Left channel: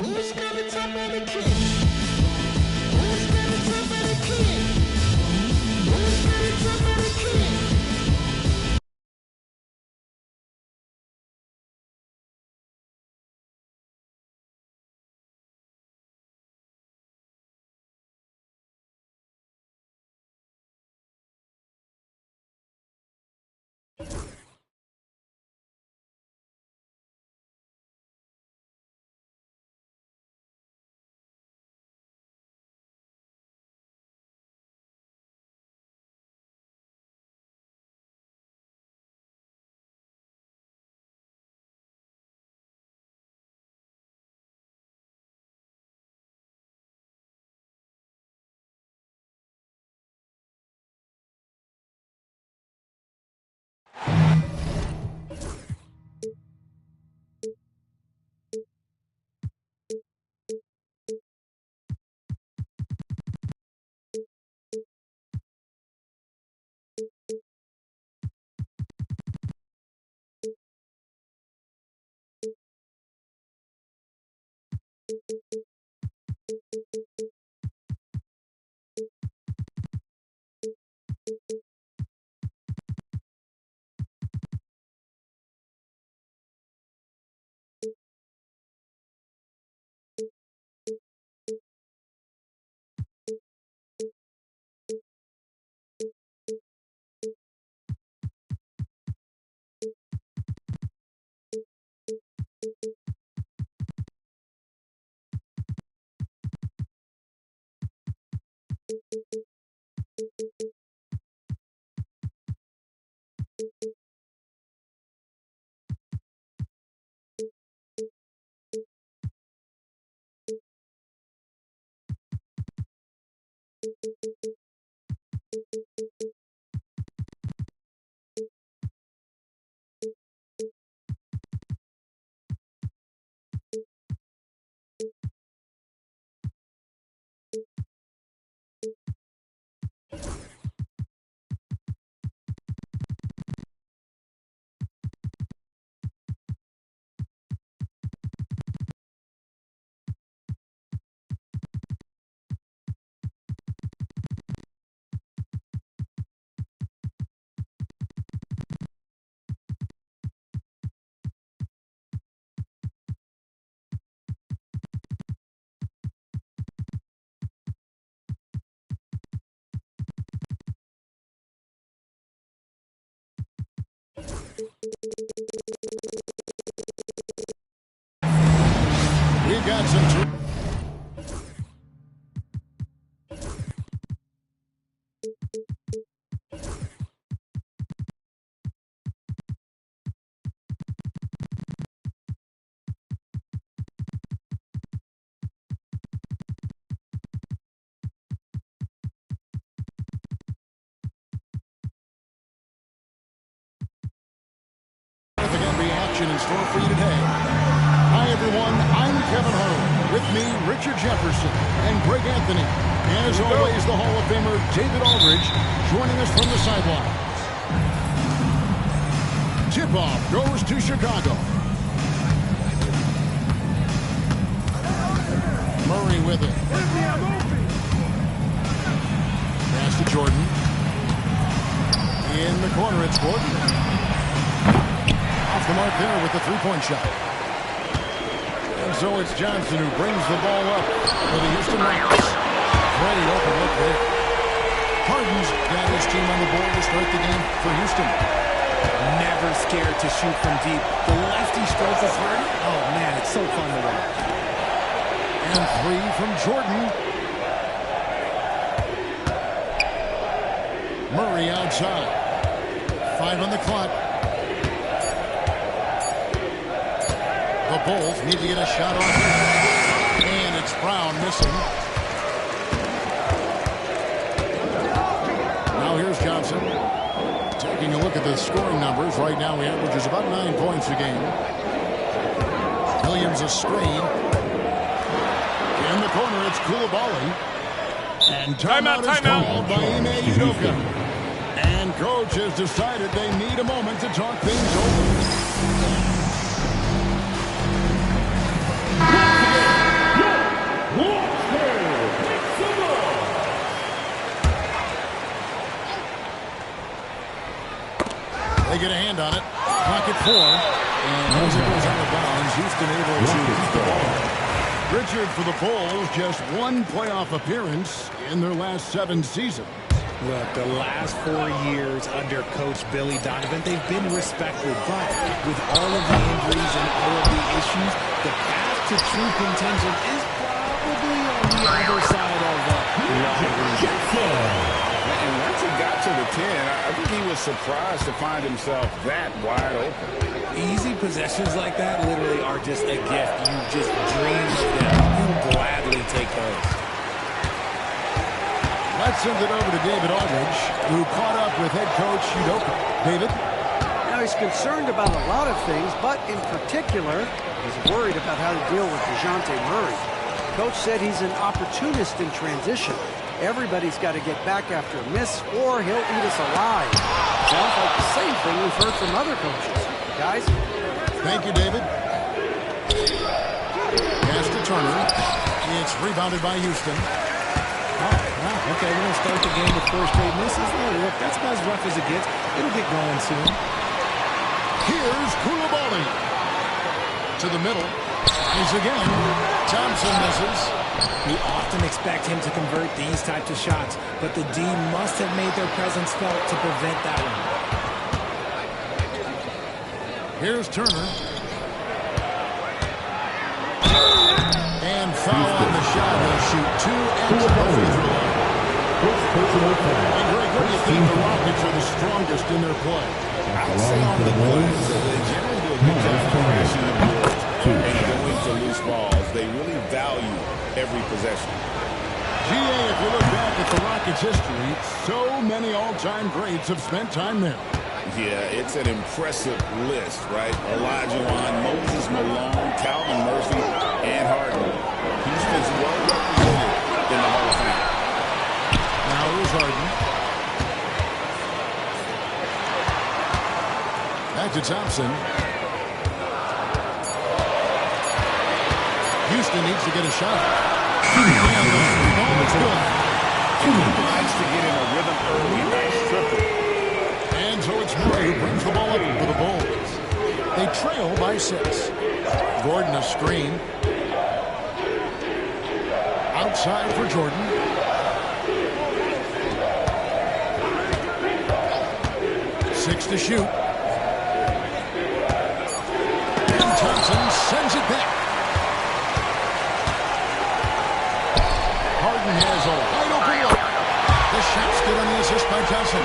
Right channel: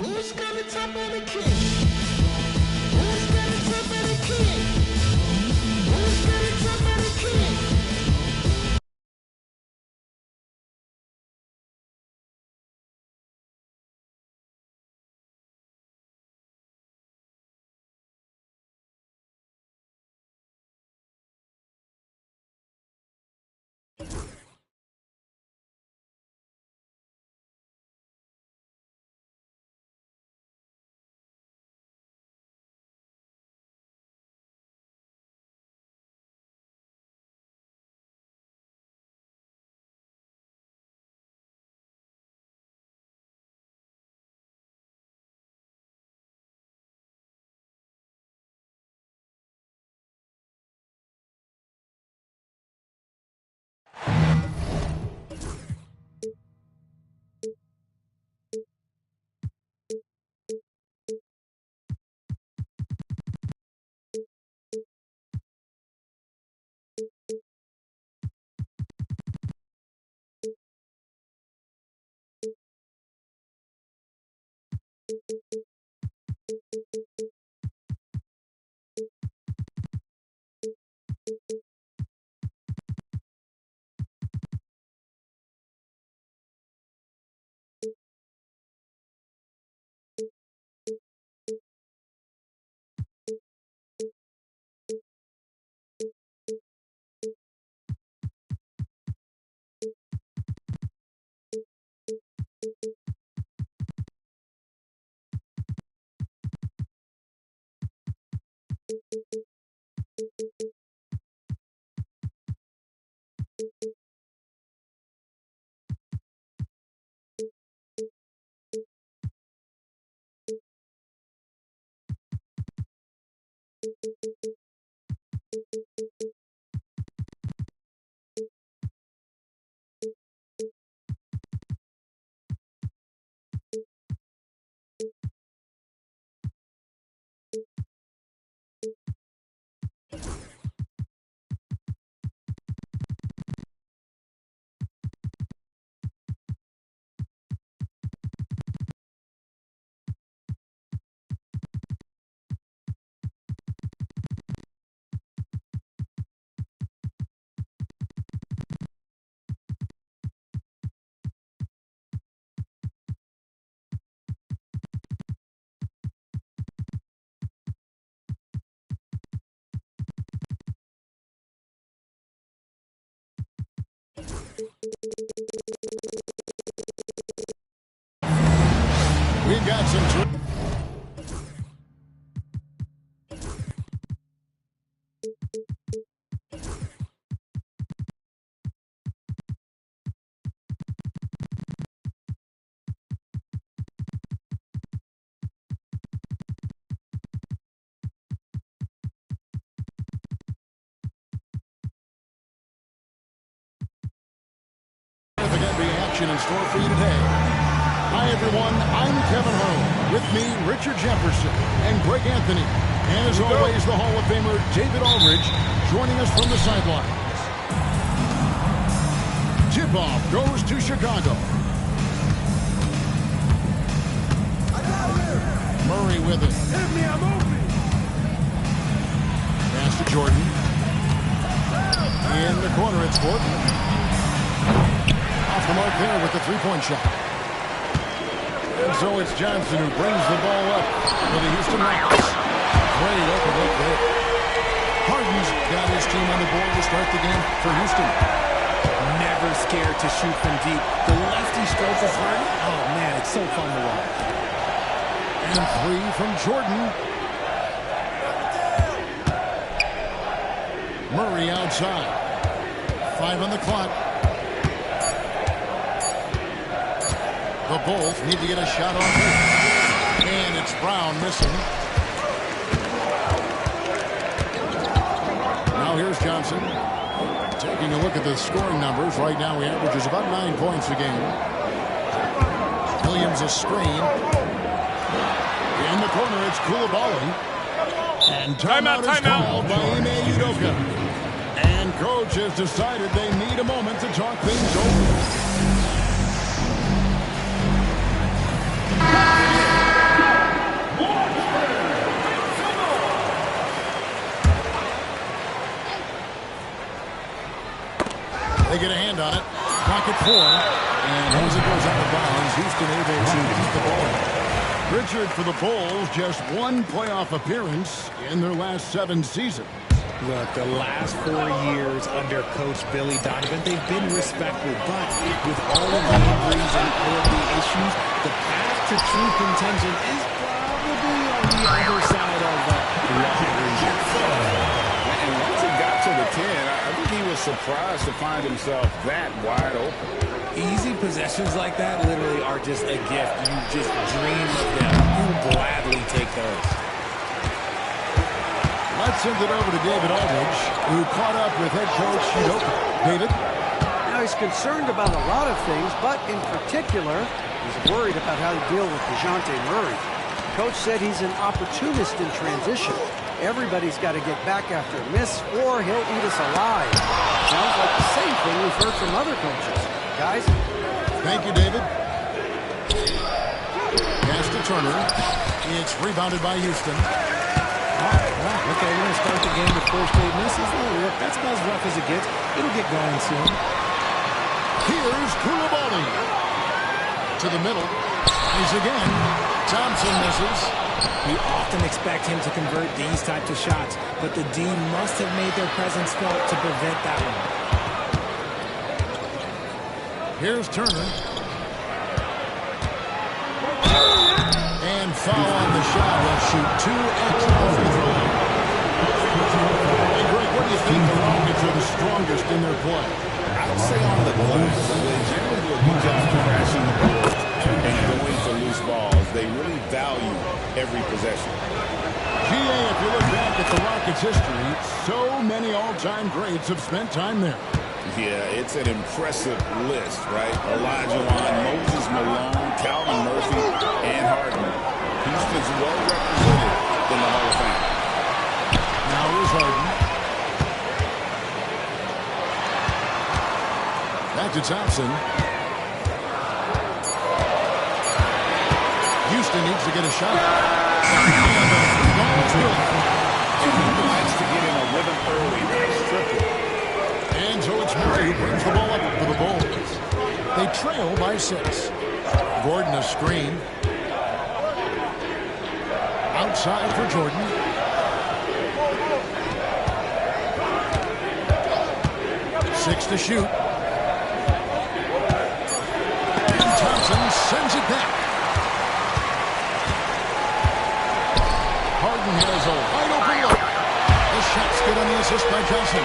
Who's gonna top of the king? Who's gonna top of the king? Who's gonna top of the king? We've got some... Significant action in store for you today. Hi, everyone. I'm Kevin Harlan. With me, Richard Jefferson and Greg Anthony. And as always, the Hall of Famer David Aldridge joining us from the sidelines. Tip-off goes to Chicago. Murray with it. Hit me, I'm open. Pass to Jordan. In the corner, it's Gordon. Off the mark there with the three-point shot. And so it's Johnson who brings the ball up for the Houston Rockets. Great open look there. Harden's got his team on the board to start the game for Houston. Never scared to shoot from deep. The lefty stroke of Harden, oh man, it's so fun to watch. And three from Jordan. Murray outside. 5 on the clock. The Bulls need to get a shot off it. And it's Brown missing. Now here's Johnson. Taking a look at the scoring numbers. Right now he averages about 9 points a game. Williams a screen. In the corner, it's Coulibaly. And timeout is called by Ime Udoka. And coach has decided they need a moment to talk things over. They get a hand on it. Pocket 4. And as it goes out of bounds, Houston able to keep the ball. Richard, for the Bulls, just one playoff appearance in their last 7 seasons. Look, the last 4 years under Coach Billy Donovan, they've been respectful. But with all of the injuries and all of the issues, the path to true contention is probably on the other side of the long region. And once he got to the 10, I think he was surprised to find himself that wide open. Easy possessions like that literally are just a gift. You just dream of them. You gladly take those. Let's send it over to David Aldridge, who caught up with head coach Udoka. David? Now, he's concerned about a lot of things, but in particular, he's worried about how to deal with DeJounte Murray. Coach said he's an opportunist in transition. Everybody's got to get back after a miss, or he'll eat us alive. Sounds like the same thing we've heard from other coaches. Guys? Thank you, David. Pass to Turner. It's rebounded by Houston. Wow. Okay, we're going to start the game with 4 straight misses. Oh, look, that's about as rough as it gets. It'll get going soon. Here's Coulibaly. To the middle. Tries again. Thompson misses. We often expect him to convert these types of shots, but the D must have made their presence felt to prevent that one. Here's Turner. And foul on the shot. He'll shoot 2 at the free throw line. And Greg, what do you think the Rockets are the strongest in their play? I'd say on the glass, they generally do a good job crashing the boards and going for loose balls. They really value every possession. GA, if you look back at the Rockets' history, so many all-time greats have spent time there. Yeah, it's an impressive list, right? Olajuwon, Moses Malone, Calvin Murphy, and Harden. Houston's well represented in the Hall of Fame. Now here's Harden. Back to Thompson. Houston needs to get a shot. And the 3 ball is good. And he likes to get in a rhythm early. Nice triple. And so it's Murray who brings the ball up for the Bulls. They trail by 6. Gordon a screen. Outside for Jordan. Six to shoot. And Thompson sends it back. Harden has a wide open look. The shot's good on the assist by Johnson.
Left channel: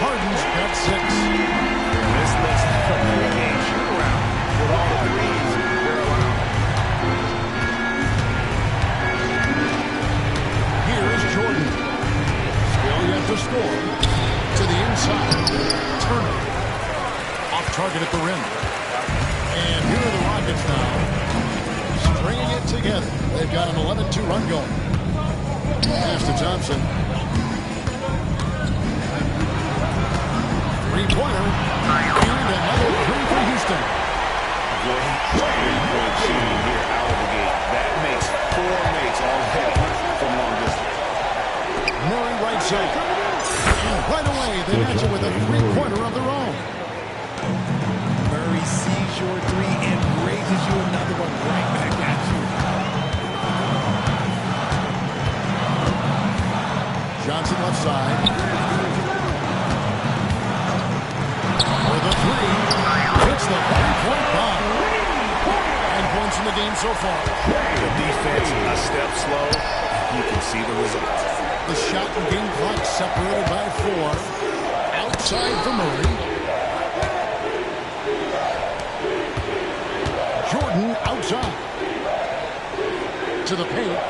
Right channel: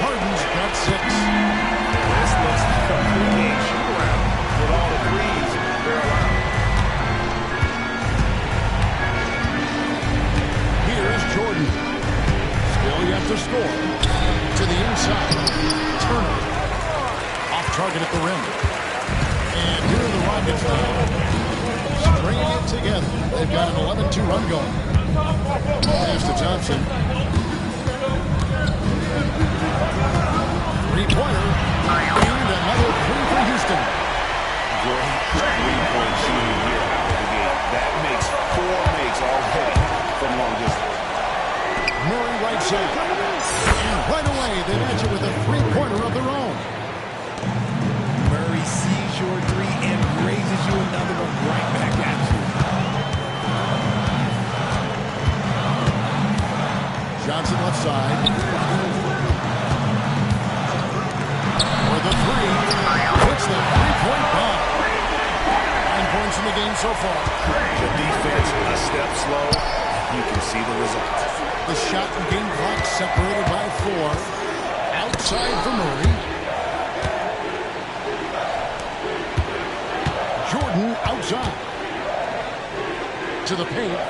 Harden's got 6. This looks like a pregame shoot-around with all the threes they're allowed. Here's Jordan. Still yet to score. To the inside. Turner. Off target at the rim. And here are the Rockets now. Stringing it together. They've got an 11-2 run going. Pass to Thompson. Three-pointer. And another 3 for Houston. Great three-point shooting here out of the gate. That makes 4 makes already from long distance. Murray right side. And right away, they match it with a 3-pointer of their own. Murray sees your 3 and raises you another one right back at you. Johnson left side. For the 3. Hits the 3-point bomb. 9 points in the game so far. The defense a step slow. You can see the results. The shot and game clock separated by 4. Outside for Murray. Jordan outside. To the paint.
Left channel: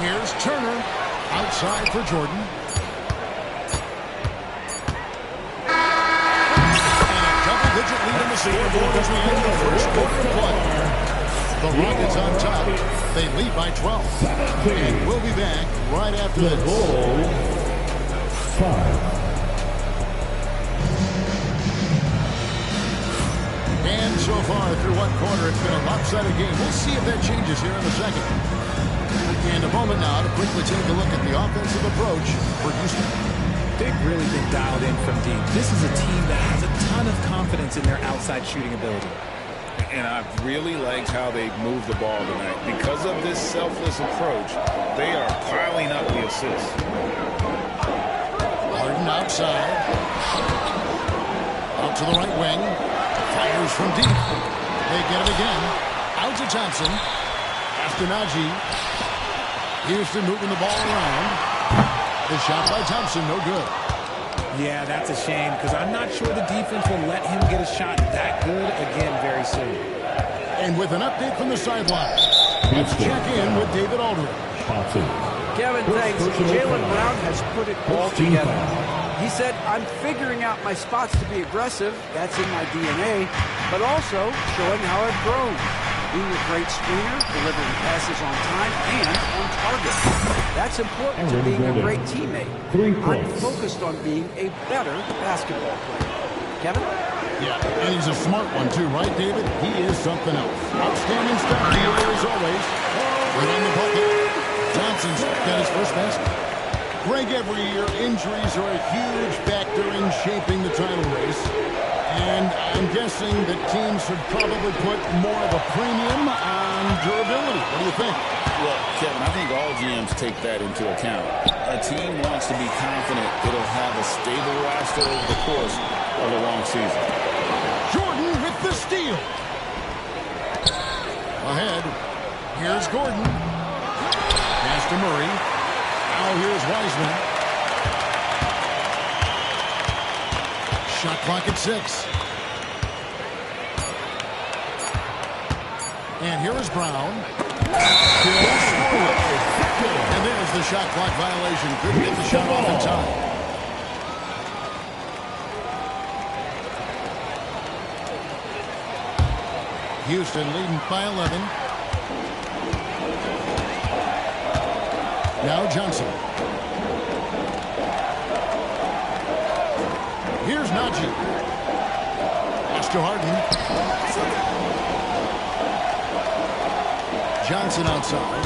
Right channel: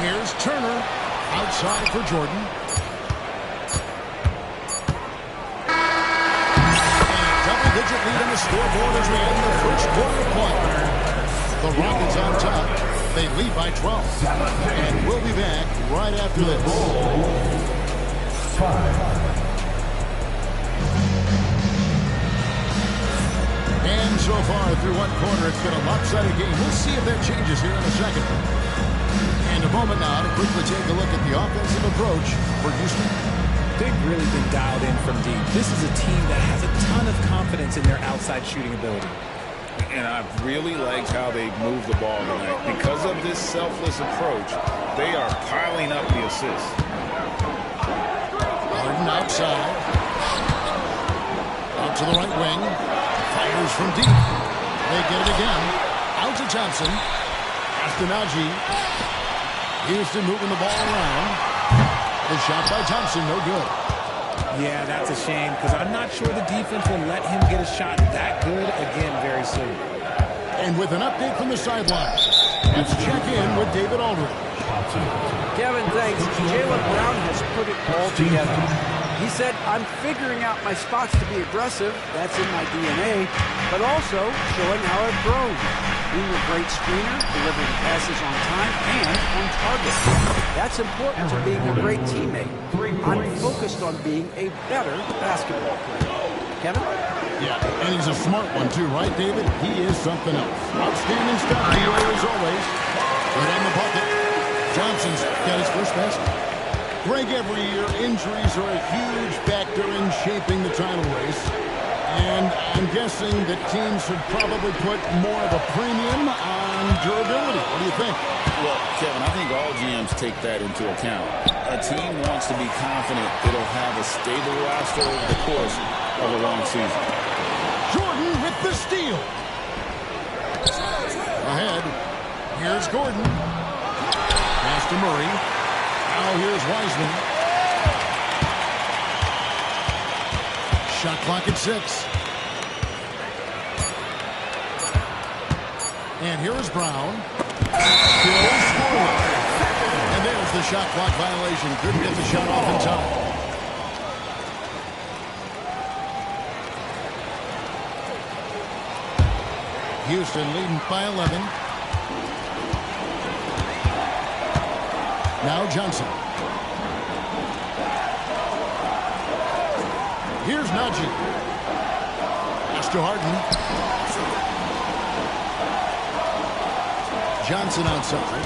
Here's Turner. Outside for Jordan. And a double-digit lead on the scoreboard as we end the first quarter of play. The Rockets on top. They lead by 12. And we'll be back right after this. And so far through one quarter, it's been a lopsided game. We'll see if that changes here in a second. And a moment now to quickly take a look at the offensive approach for Houston. They've really been dialed in from deep. This is a team that has a ton of confidence in their outside shooting ability. And I've really liked how they've moved the ball tonight. Because of this selfless approach, they are piling up the assists. Harden outside. Out to the right wing. Fires from deep. They get it again. Out to Johnson. Pass to Najee. Houston moving the ball around. The shot by Thompson, no good. Yeah, that's a shame because I'm not sure the defense will let him get a shot that good again very soon. And with an update from the sideline, let's check in with David Aldridge. Kevin, thanks. Jaylen Brown has put it all together. He said, I'm figuring out my spots to be aggressive. That's in my DNA. But also showing how I've grown. Being a great screener, delivering passes on time and on target. That's important to being a great teammate. I'm focused on being a better basketball player. Kevin? Yeah, and he's a smart one too, right, David? He is something else. Outstanding stuff, DA, as always. Right on the bucket. Johnson's got his first basket. Greg, every year, injuries are a huge factor in shaping the title race. And I'm guessing that teams should probably put more of a premium on durability. What do you think? Well, Kevin, I think all GMs take that into account. A team wants to be confident it'll have a stable roster over the course of a long season. Jordan with the steal. Ahead. Here's Gordon. Pass to Murray. Now here's Wiseman. Shot clock at 6. And here is Brown. Still scoreless. And there's the shot clock violation. Couldn't get the shot off in time. Houston leading by 11. Now Johnson. Here's Najee. Pass to Harden. Johnson outside.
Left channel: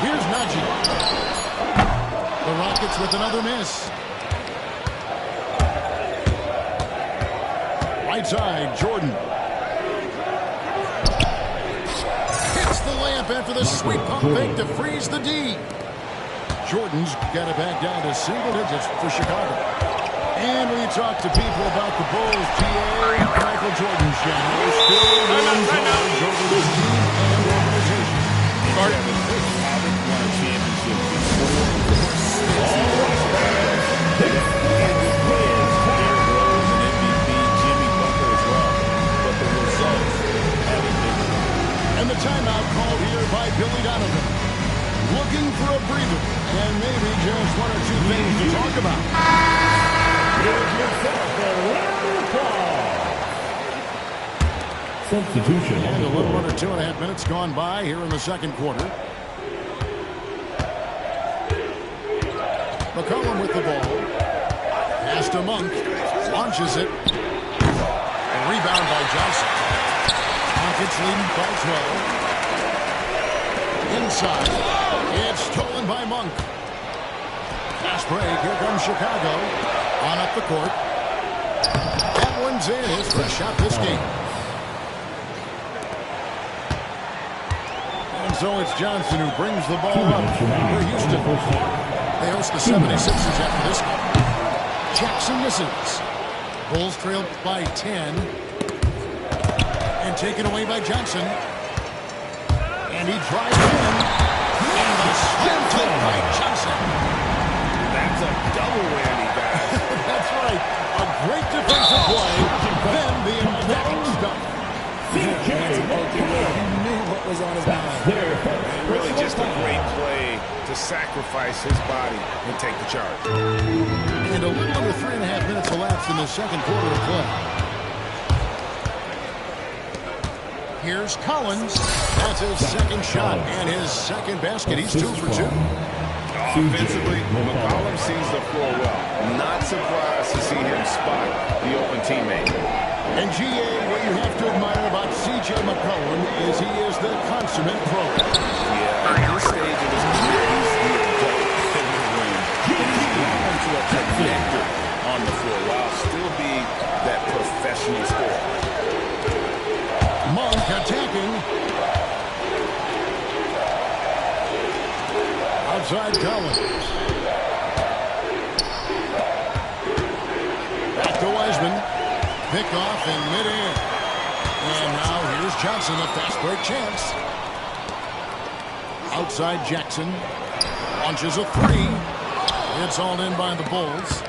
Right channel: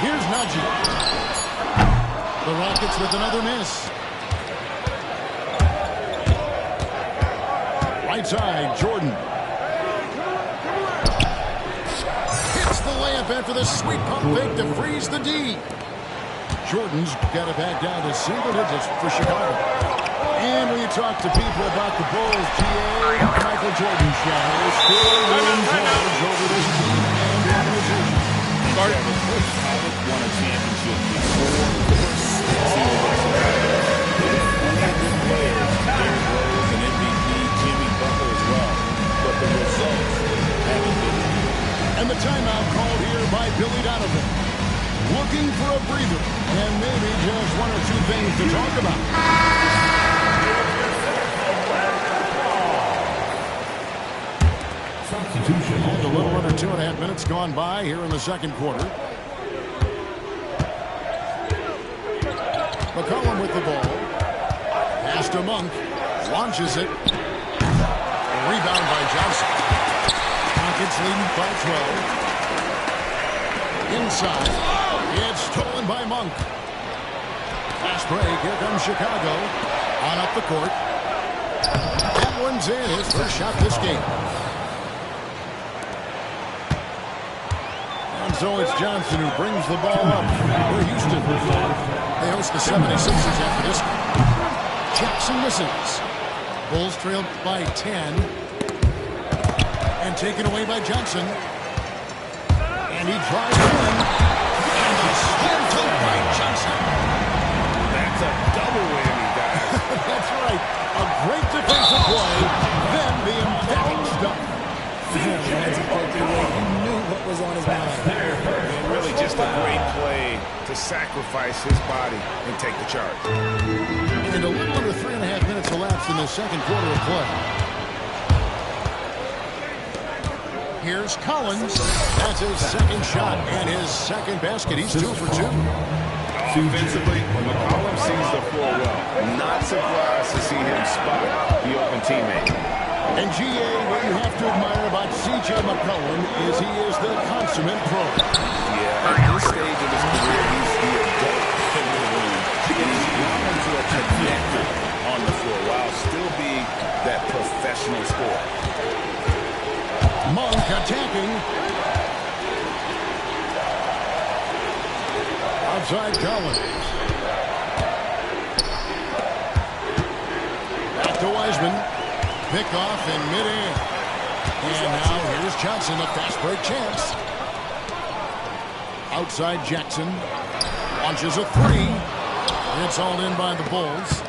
Here's Najee. The Rockets with another miss. Right side, Jordan. Hits the layup after the sweet pump fake to freeze the D. Jordan's got it back down to single digits for Chicago. And when you talk to people about the Bulls, GA, Michael Jordan's shadow still runs large over this team and organization. And Kevin, they haven't won a championship before or since he was in Chicago. They have plenty of good players, Derrick Rose and MVP, Jimmy Butler as well. But the results haven't been there. And the timeout called here by Billy Donovan. Looking for a breather and maybe just one or two things to talk about. Substitution. And a little under 2.5 minutes gone by here in the second quarter. McCollum with the ball. Pass to Monk. Launches it. A rebound by Johnson. Rockets leading by 12. Inside. It's stolen by Monk. Fast break. Here comes Chicago. On up the court. That one's in. His first shot this game. And so it's Johnson who brings the ball up for Houston. They host the 76ers after this one. Jackson misses. Bulls trailed by 10. And taken away by Johnson. And he drives in. And the slam dunk by Johnson. That's a double whammy, guys. That's right. A great defensive play. Then the emphatic dunk. Once he poked it away, you knew what was on his mind. And really just a great play to sacrifice his body and take the charge. And a little under 3.5 minutes elapsed in the second quarter of play. Here's Collins. That's his second shot and his second basket. He's 2 for 2. Offensively, McCollum sees the floor well. Not surprised to see him spot the open teammate. And GA, what you have to admire about C.J. McCollum is he is the consummate pro. Yeah, at this stage of his career, he's the adult in to a connector on the floor while still being that professional scorer. Monk attacking. Outside Collins. Back to Wiseman. Pick off in midair. And now here's Johnson, a fast break chance. Outside Jackson. Launches a three. It's all in by the Bulls.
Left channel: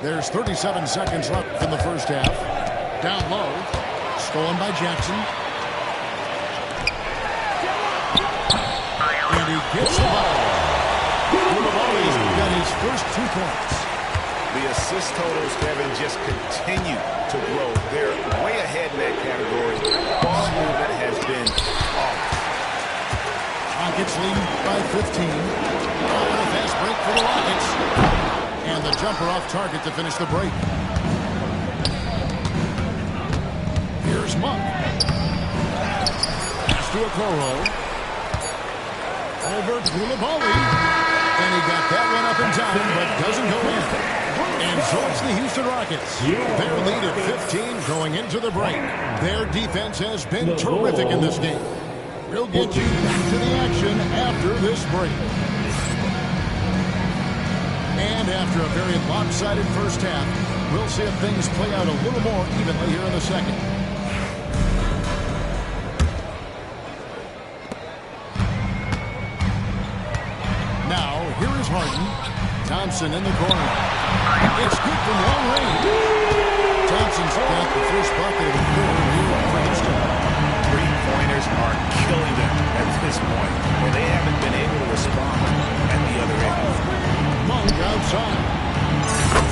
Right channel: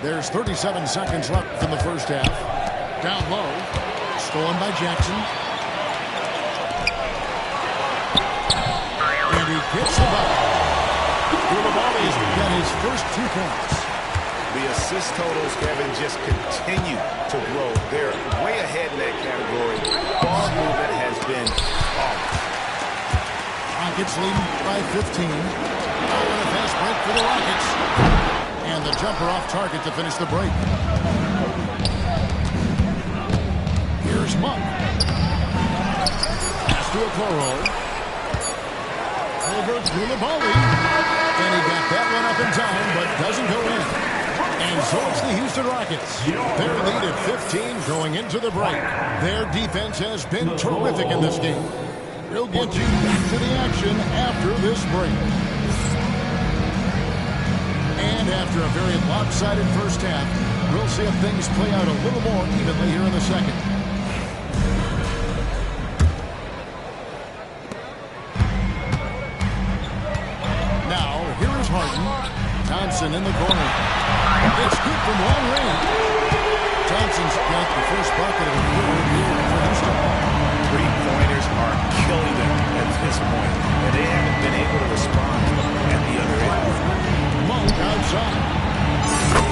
There's 37 seconds left in the first half. Down low. Stolen by Jackson. And he gets the ball. Koulibaly's got his first 2 points. The assist totals, Kevin, just continue to grow. They're way ahead in that category. Ball movement has been flawless. Rockets leading by 15. Oh, and a fast break for the Rockets. And the jumper off target to finish the break. Here's Monk. Pass to Okoro. Over Koulibaly. And he got that one up in time, but doesn't go in. And so it's the Houston Rockets. Their lead at 15 going into the break. Their defense has been terrific in this game. We'll get you back to the action after this break. And after a very lopsided first half, we'll see if things play out a little more evenly here in the second. Now, here is Harden. Thompson in the corner. It's good from long range. Thompson's got the first bucket of the third here for Houston. Three-pointers are killing them at this point, and they haven't been able to respond at the other end. Monk outside.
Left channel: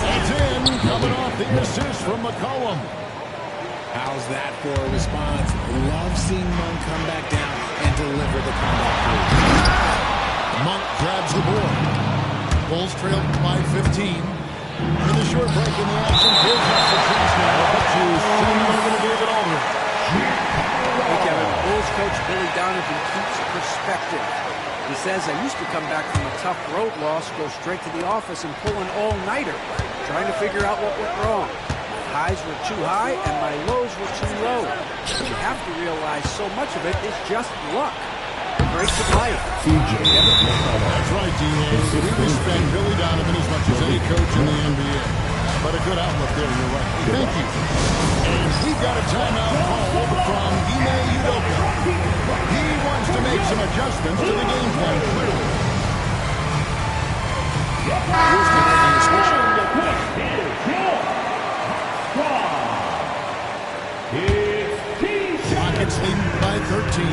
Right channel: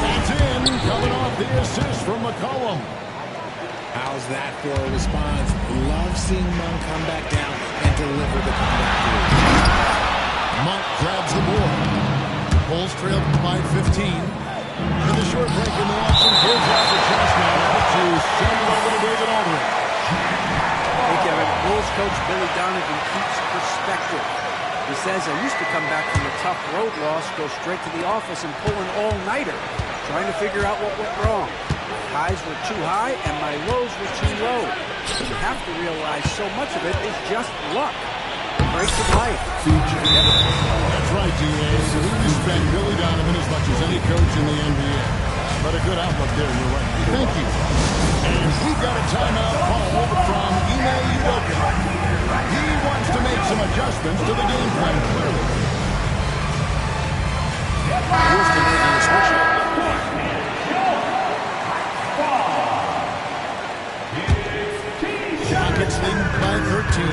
That's in. Coming off the assist from McCollum. How's that for a response? Love seeing Monk come back down and deliver the comeback three. Monk grabs the board. Bulls trail by 15. And the short break in the action gives us a chance now to send it over to David Aldridge. Hey, Kevin, Bulls coach Billy Donovan keeps perspective. He says, I used to come back from a tough road loss, go straight to the office and pull an all-nighter, trying to figure out what went wrong. My highs were too high and my lows were too low. You have to realize so much of it is just luck. The breaks of life. That's right, D.A. We respect Billy Donovan as much as any coach in the NBA. But a good outlook there, you're right. Hey, thank you. And we've got a timeout called from Ime Udoka. He wants to make some adjustments to the game plan, clearly. Houston making a switch. Rockets leading by 13.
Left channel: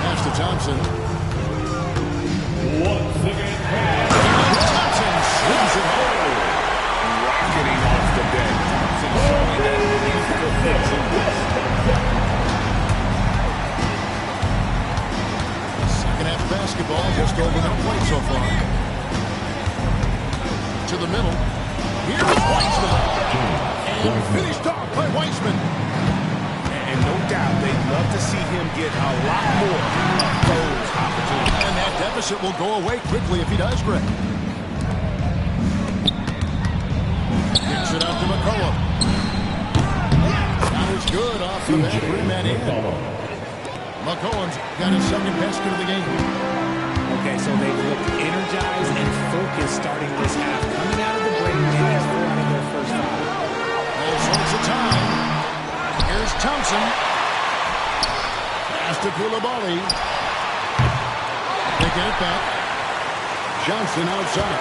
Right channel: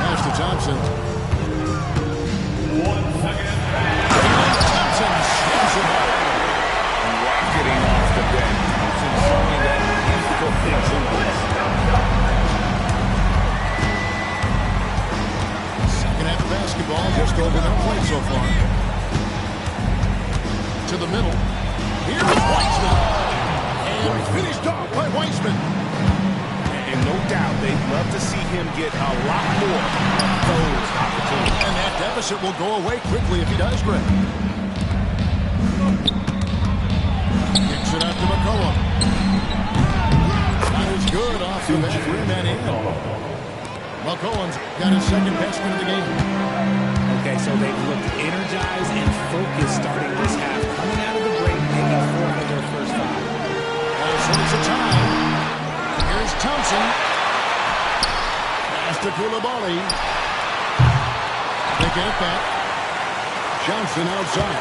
Pass to Thompson. And Thompson swings it home. Rocketing off the bench. Thompson showing that youthful exuberance. Second half of basketball, just over a minute played so far. To the middle. Here's Wiseman. And finished off by Wiseman. And no doubt they'd love to see him get a lot more of those opportunities. And that deficit will go away quickly if he does, Greg. Kicks it out to McCollum. Shot is good off the back rim and in. McCollum's got his second basket of the game. Okay, so they've looked energized and focused starting this half, coming out of the break, making 4 out of their first 5. All sorts of time. Here's Thompson. Pass to Koulibaly. They get it back. Johnson outside.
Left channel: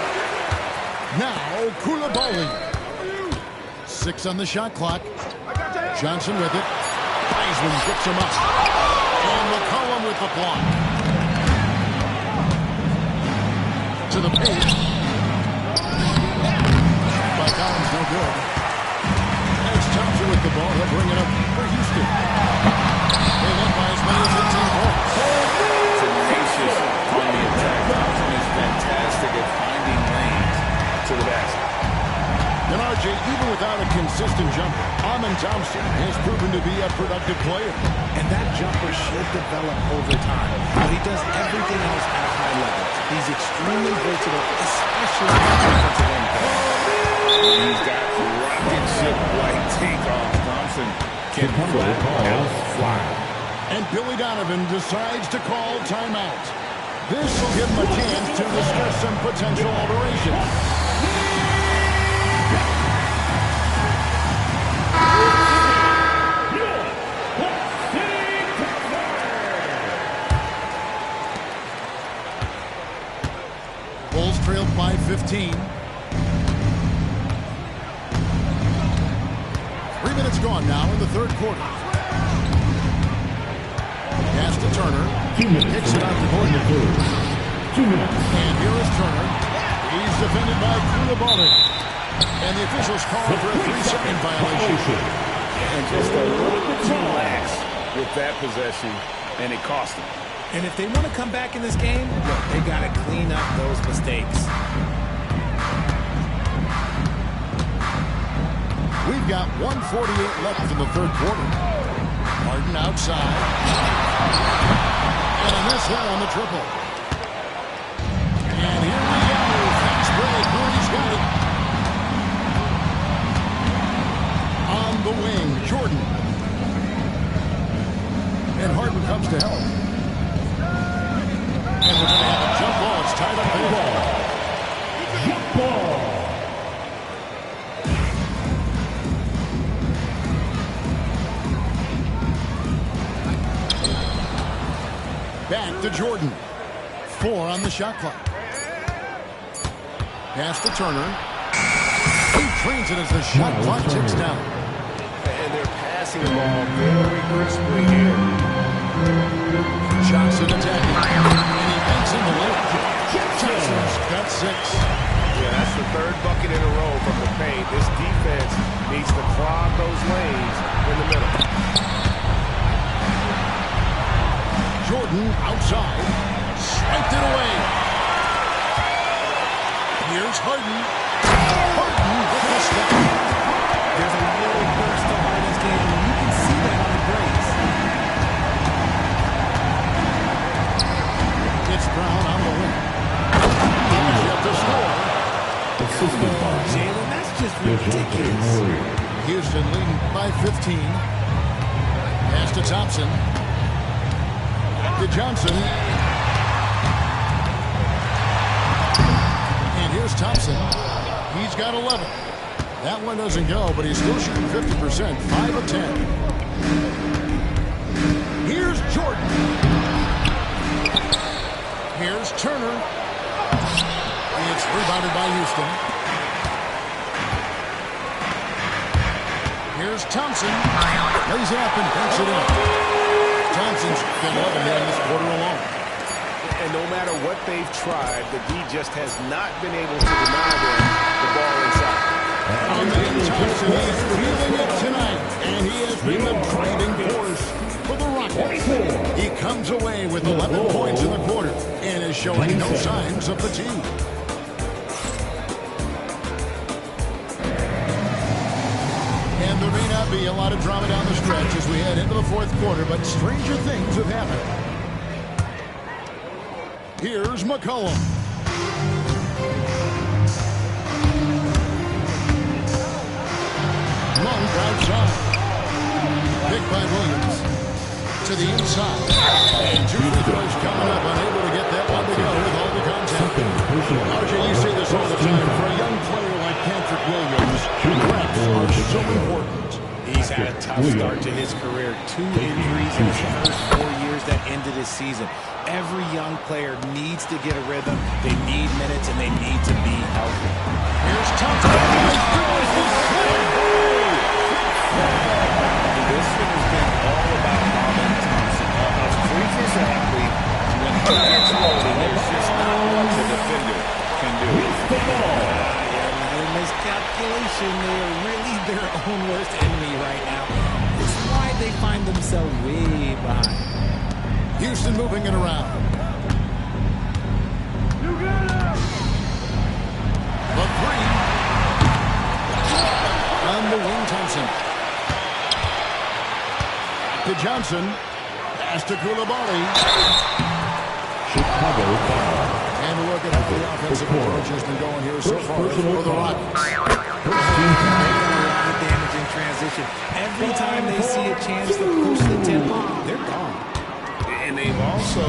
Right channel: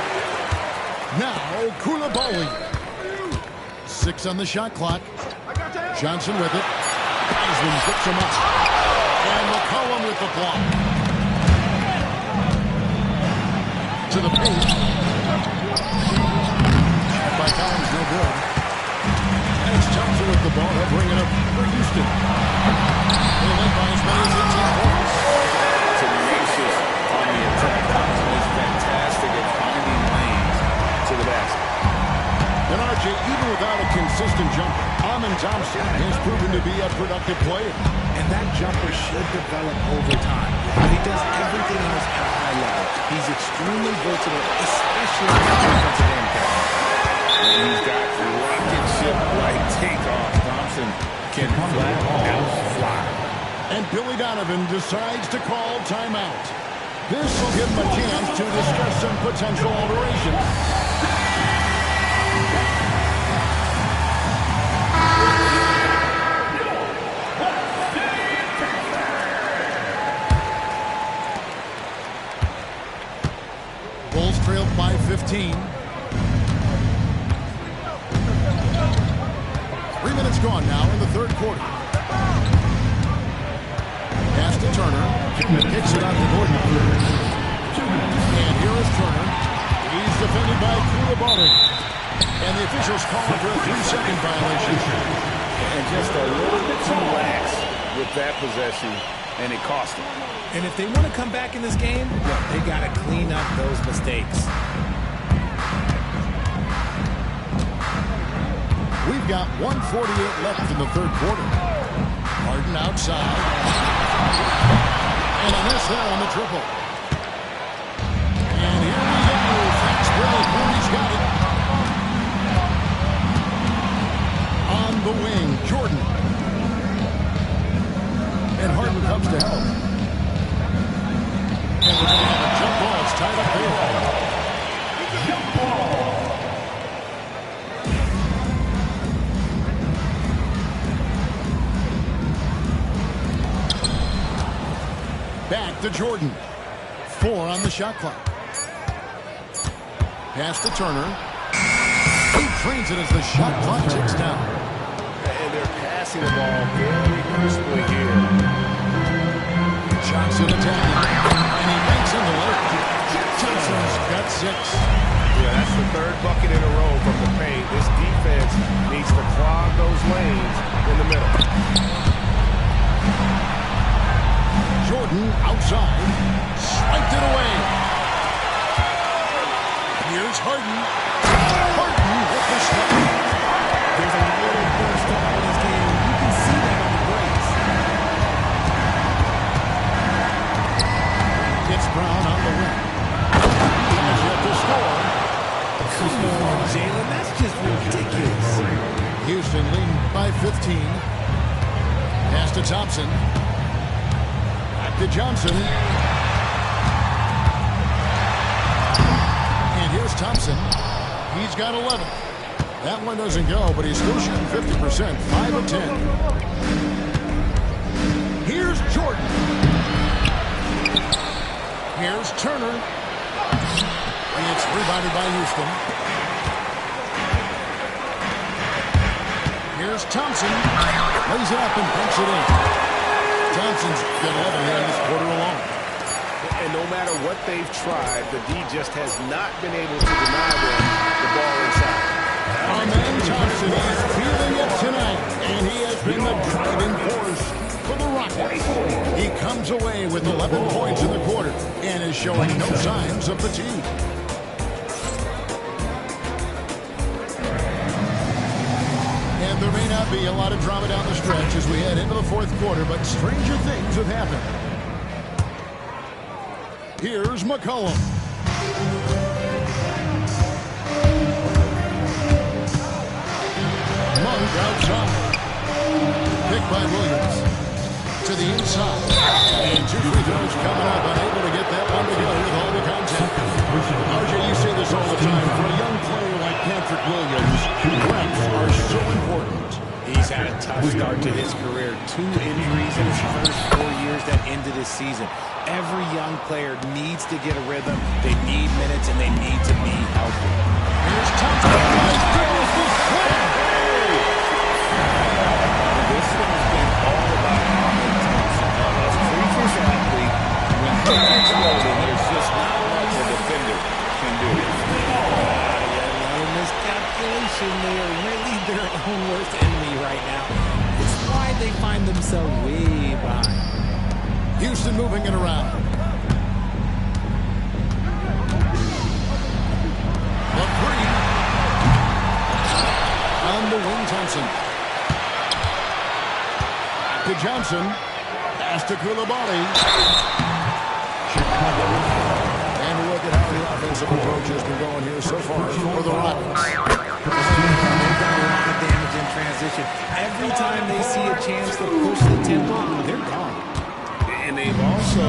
Now Koulibaly. 6 on the shot clock. Johnson with it. Wiseman picks him up. And McCollum with the block. To the paint. Shot by Collins, no good. And it's Thompson with the ball. He'll bring it up for Houston. They led by as many as 18 points. Tenacious on the attack. Thompson is fantastic at finding lanes to the basket. And RJ, even without a consistent jumper, Amen Thompson has proven to be a productive player. And that jumper should develop over time. But he does everything else at a high level. He's extremely versatile, especially on the defensive end. And he's got rocket ship-like takeoff. Thompson can flat out fly. And Billy Donovan decides to call timeout. This will give him a chance to discuss some potential alterations. Bulls trailed by 15. 3 minutes gone now in the third quarter. Pass to Turner. 2 minutes. Kicks it out to Gordon. 2 minutes. And here is Turner. He's defended by Koulibaly. And the officials call for a 3-second violation. And just a little bit too lax with that possession, and it cost him. And if they want to come back in this game, look, they got to clean up those mistakes. We've got 1:48 left in the third quarter. Harden outside. And a miss there on the triple. And here we go. Fast break. Murray's got it. On the wing, Jordan. And Harden comes to help. And we're going to have a jump ball. It's tied up there. Jump ball. Back to Jordan. 4 on the shot clock. Pass to Turner. He trains it as the shot clock ticks down. And they're passing the ball very crisply here. Johnson attacking. And he banks in the layup. Johnson's got 6. Yeah, that's the third bucket in a row from the paint. This defense needs to clog those lanes in the middle. Jordan outside. Swiped it away. Here's Harden. Harden with the step. There's a little burst to Harden's game. You can see that on the breaks. It's Brown on the wing. He has yet to score. Come on, Jalen. That's just ridiculous. Houston leading by 15. Pass to Thompson. Back to Johnson. And here's Thompson. He's got 11. That one doesn't go, but he's still shooting 50%. 5 of 10. Here's Jordan. Here's Turner. It's rebounded by Houston. Here's Thompson. Lays it up and banks it in. Thompson's got 11 here in this quarter alone. And no matter what they've tried, the D just has not been able to deny them the ball inside. Amen Thompson, he's feeling it tonight, and he has been the driving force for the Rockets. He comes away with 11 points in the quarter and is showing no signs of fatigue. And there may not be a lot of drama down the stretch as we head into the fourth quarter, but stranger things have happened. Here's McCollum. Monk outside. Picked by Williams. To the inside. And 2 free throws coming up. Unable to get that one to go with all the contact. RJ, you say this all the time. For a young player like Patrick Williams, reps are so important. He's had a tough start to his career. 2 injuries in his first 4 years that ended his season. Every young player needs to get a rhythm. They need minutes, and they need to be healthy. Here's Thompson. My goodness, the slam! This one has been all about Amen Thompson. A freakish athlete. When he gets rolling, there's just not much a defender can do. Another miscalculation. They are really their own worst enemy right now. It's why they find themselves way behind. Houston moving it around. The 3. On the wing, Thompson. Back to Johnson. Pass to Koulibaly. Chicago foul. And look at how the offensive approach has been going here so far for the Rockets. They've done a lot of damage in transition. Every time they see a chance to push the tempo, they're gone. And they've also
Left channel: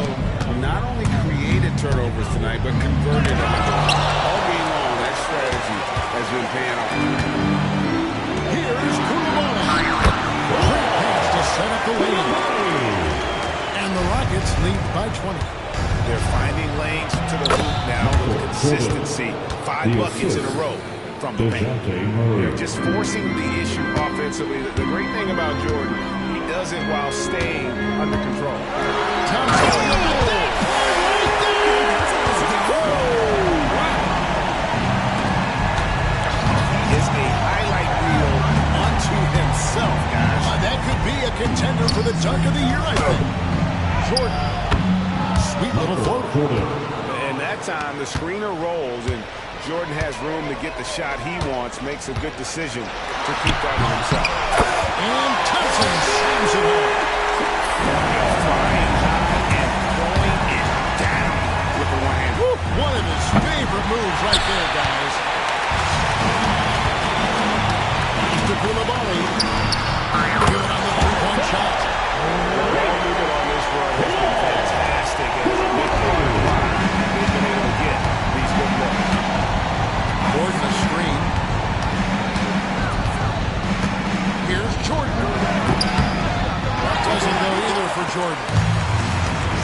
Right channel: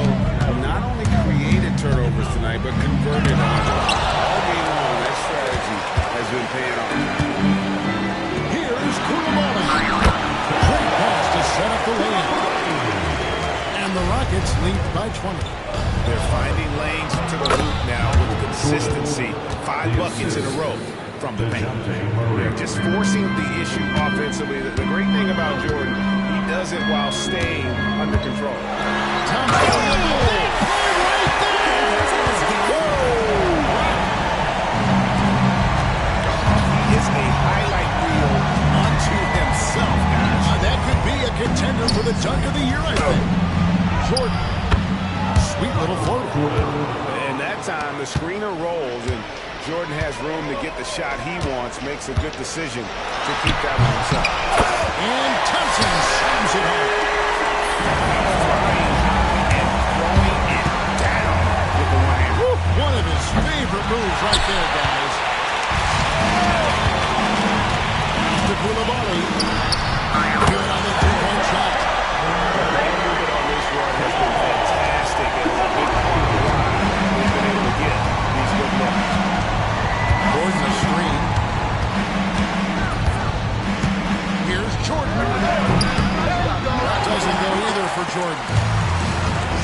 not only created turnovers tonight, but converted on others. All game long, that strategy has been paying off. Here's Koulibaly. Great pass to set up the lane. And the Rockets lead by 20. They're finding lanes to the hoop now with consistency. 5 buckets in a row from the paint. They're just forcing the issue offensively. The great thing about Jordan, he does it while staying under control. Thompson. Right He is a highlight reel unto himself, guys. That could be a contender for the dunk of the year, I think. Jordan. Sweet little floater. And that time, the screener rolls, and Jordan has room to get the shot he wants, makes a good decision to keep that one himself. And Thompson slams it home. Flying high and throwing it down with the one hand. One of his favorite moves right there, guys. Pass to Koulibaly. Good on the three-point shot. The ball movement on this run has been fantastic, and is a big part of why they've been able to get these good looks. Gordon a screen. Here's Jordan. That doesn't go either for Jordan.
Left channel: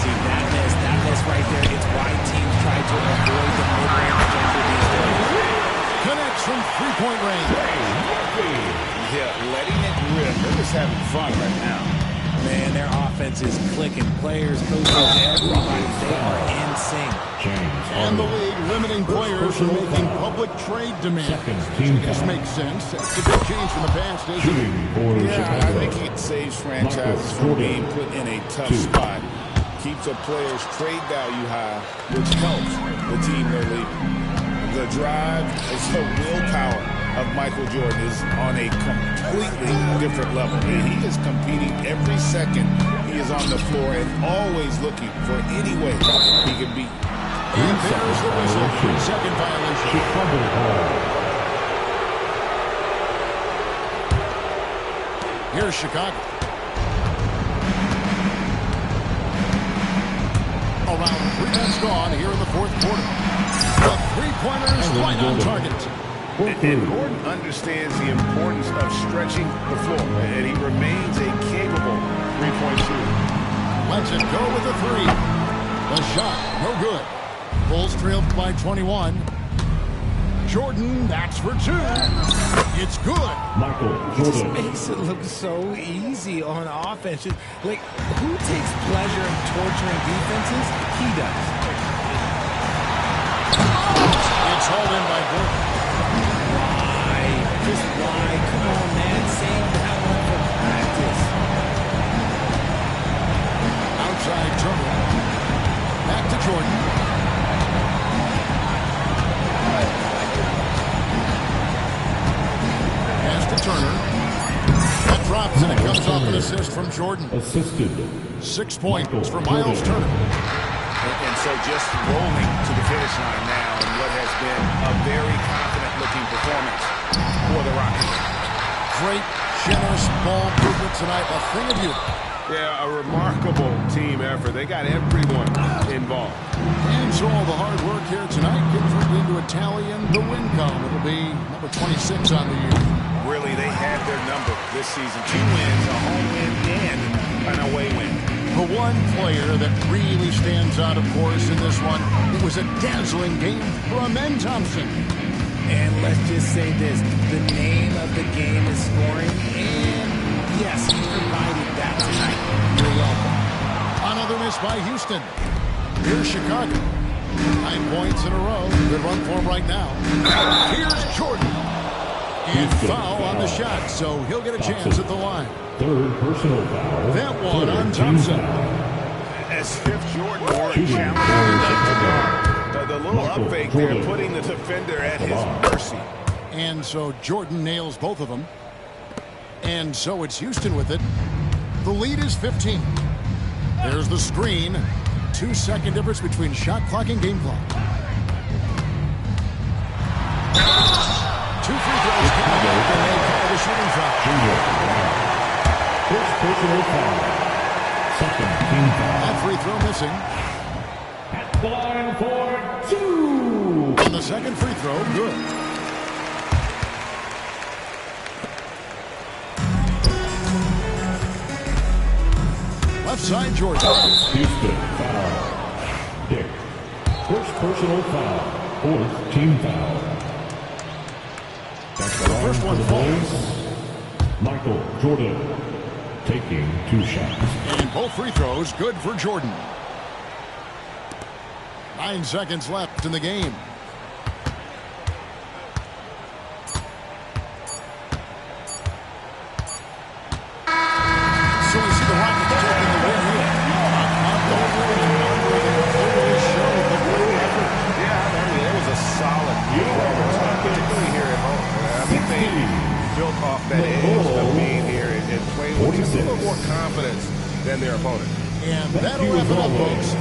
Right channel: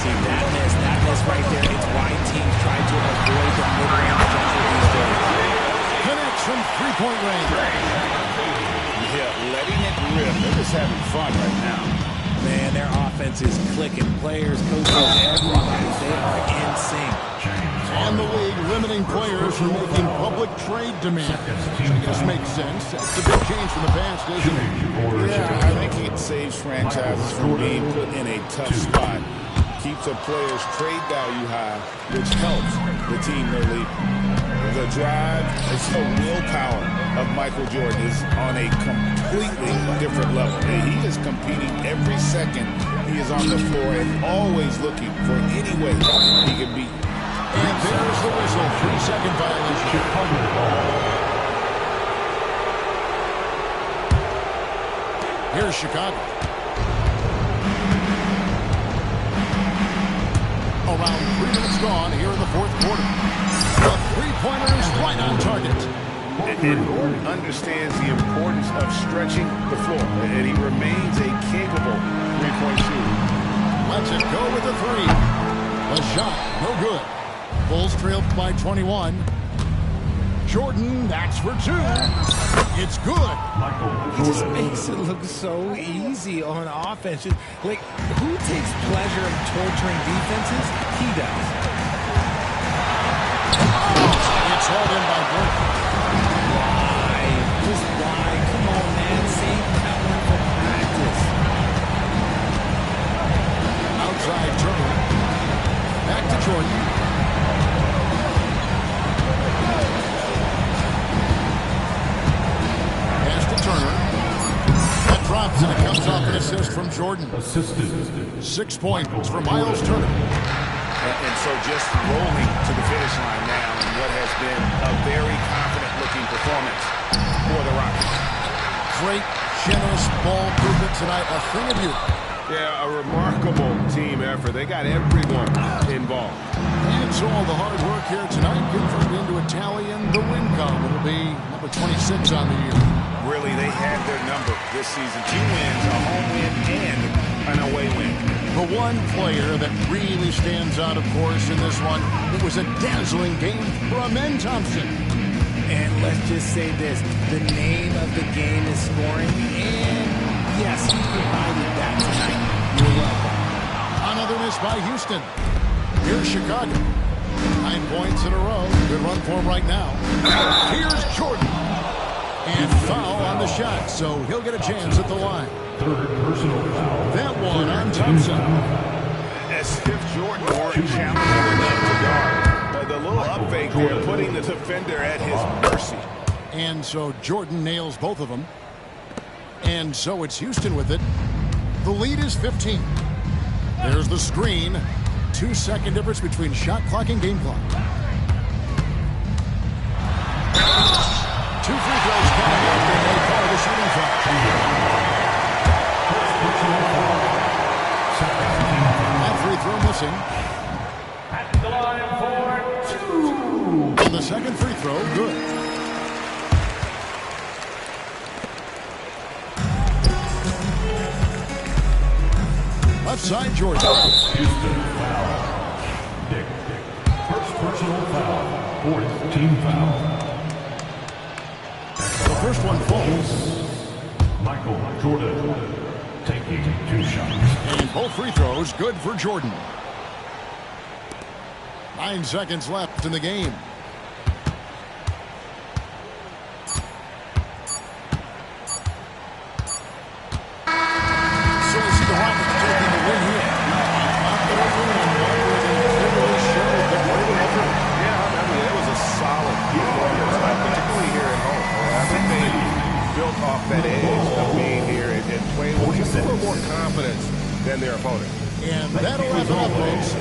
See, that miss right there, it's why teams try to avoid the mid-range jumper these days. Connects from three-point range. Yeah, letting it rip. They're just having fun right now. Man, their offense is clicking. Players, coaches, everybody, they are in sync. And the league limiting players from making public trade demands. Which I guess makes sense. That's a big change from the past, isn't it? Yeah, I think it saves franchises from being put in a tough spot. Keeps a player's trade value high, which helps the team they're leaving. The drive is the willpower of Michael Jordan is on a completely different level. He is competing every second he is on the floor and always looking for any way he can beat. And there's the whistle. 3-second violation. Here's Chicago. Around 3 minutes gone here in the fourth quarter. The three-pointer is right on target. And Gordon understands the importance of stretching the floor, and he remains a capable three-point shooter. Lets it go with the three. The shot, no good. Bulls trailed by 21. Jordan, that's for 2. It's good. He just makes it look so easy on offense. Like, who takes pleasure in torturing defenses? He does. It's hauled in by Gordon. Why? Just why? Come on, man. Save that one for practice. Outside Turner. Back to Jordan. Pass to Turner. That drops and it comes off an assist from Jordan. 6 points for Miles Turner. And so just rolling to the finish line now in what has been a very confident-looking performance for the Rockets. Great, generous ball movement tonight. A thing of beauty. Yeah, a remarkable team effort. They got everyone involved. And so all the hard work here tonight converted into a tally in the win column. It'll be number 26 on the year. Really, they had their number this season. 2 wins, a home win, and an away win. The one player that really stands out, of course, in this one, it was a dazzling game for Amen Thompson. And let's just say this, the name of the game is scoring, and yes, he provided that tonight. You're welcome. Another miss by Houston. Here's Chicago. 9 points in a row. Good run for him right now. Here's Jordan. And foul on the shot, so he'll get a chance at the line. 3rd personal foul. That one on Thompson. As if Jordan weren't challenging enough to guard. The little up fake there, putting the defender at his mercy. And so Jordan nails both of them. And so it's Houston with it. The lead is 15. There's the screen. 2-second difference between shot clock and game clock. 2 free throws coming up, and they call the shooting foul. First personal foul. Second team foul. That free throw missing. At the line for 2. And the second free throw, good. Left side, Jordan. Houston foul. Dick. First personal foul. Fourth team foul. The first one falls. Michael Jordan taking 2 shots. And both free throws good for Jordan. 9 seconds left in the game. So we see the Rockets taking the win here. A confident win, and one where they clearly showed the greater effort. Yeah, I mean, it was a solid performance, particularly here at home. I think they built off that edge of being here and playing with just a little more confidence than their opponent. And that'll wrap it up, folks.